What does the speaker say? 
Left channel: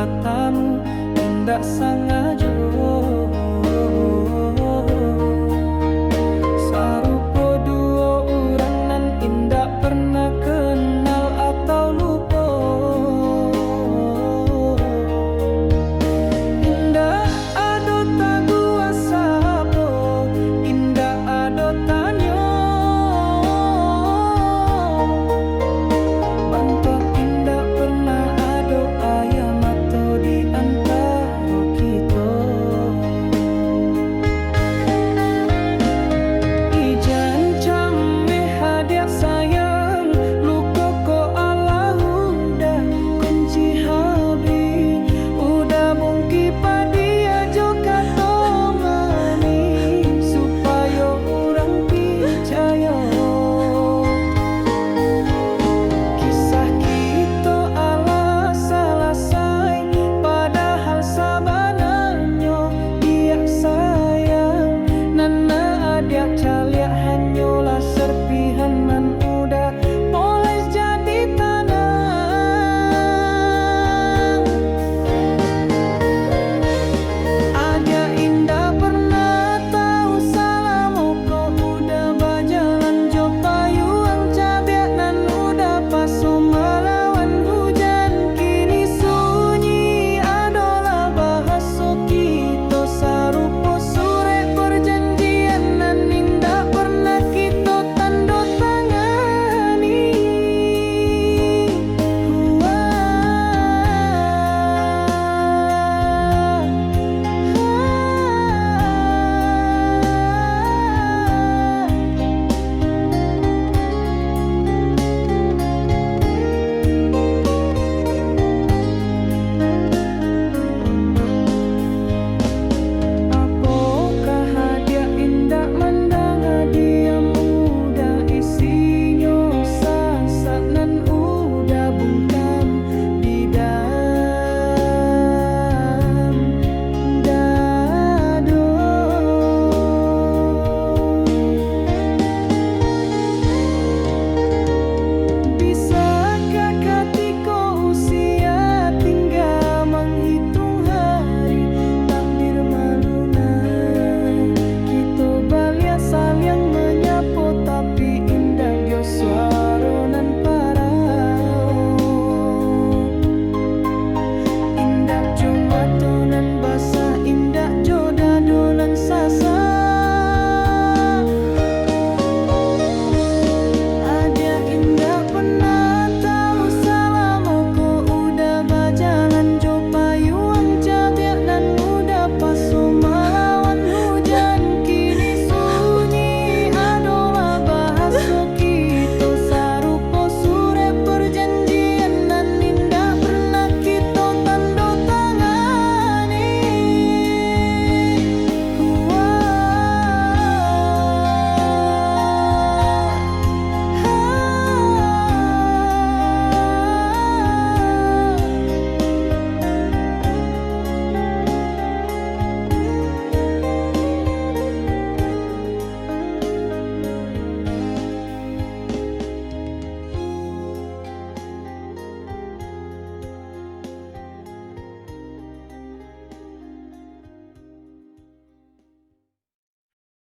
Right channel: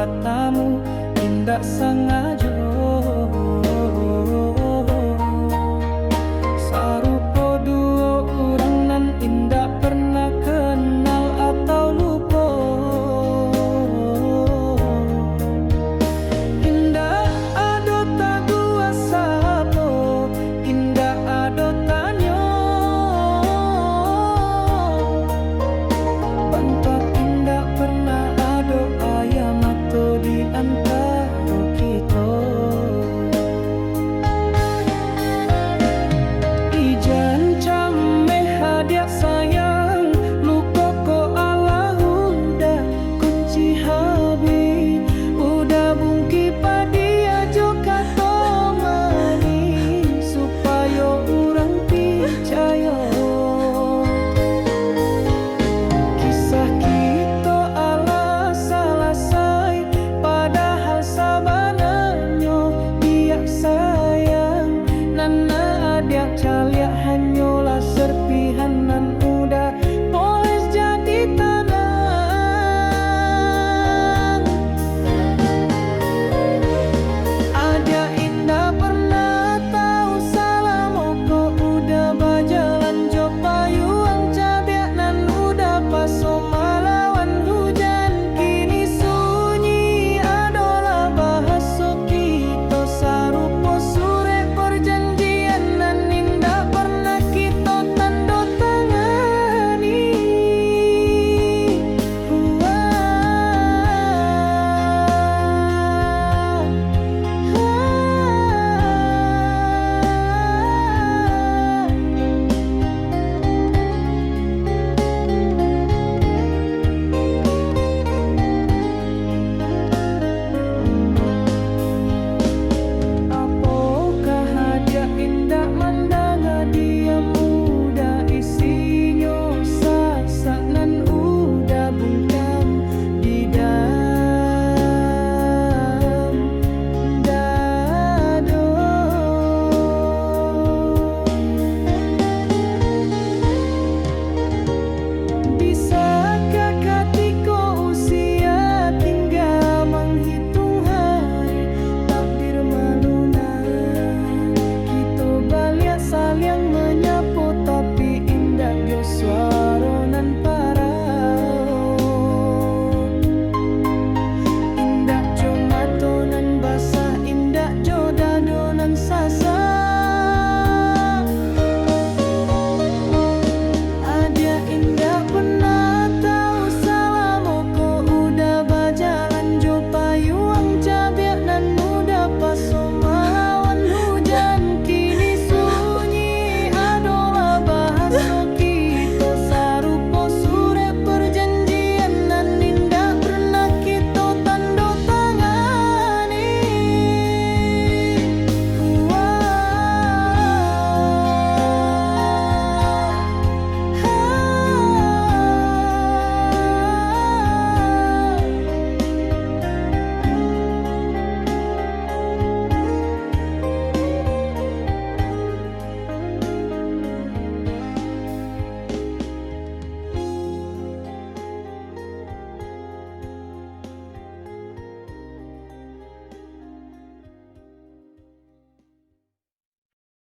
katamu indak sangajo. Sarupo duo urang nan indak pernah kenal atau lupa. Indak ado tagua sapo, indak ado tanyo. Bantuak indak pernah ado ayam atau di antara kita. Ijan came hadiah sayang, luka ko Allah udah kunci habi, udah bungki padia joka tomani supaya orang percaya. Kisah kita ala selesai, padahal sabananya dia sayang. Nana adik caliak hanyalah serpihanan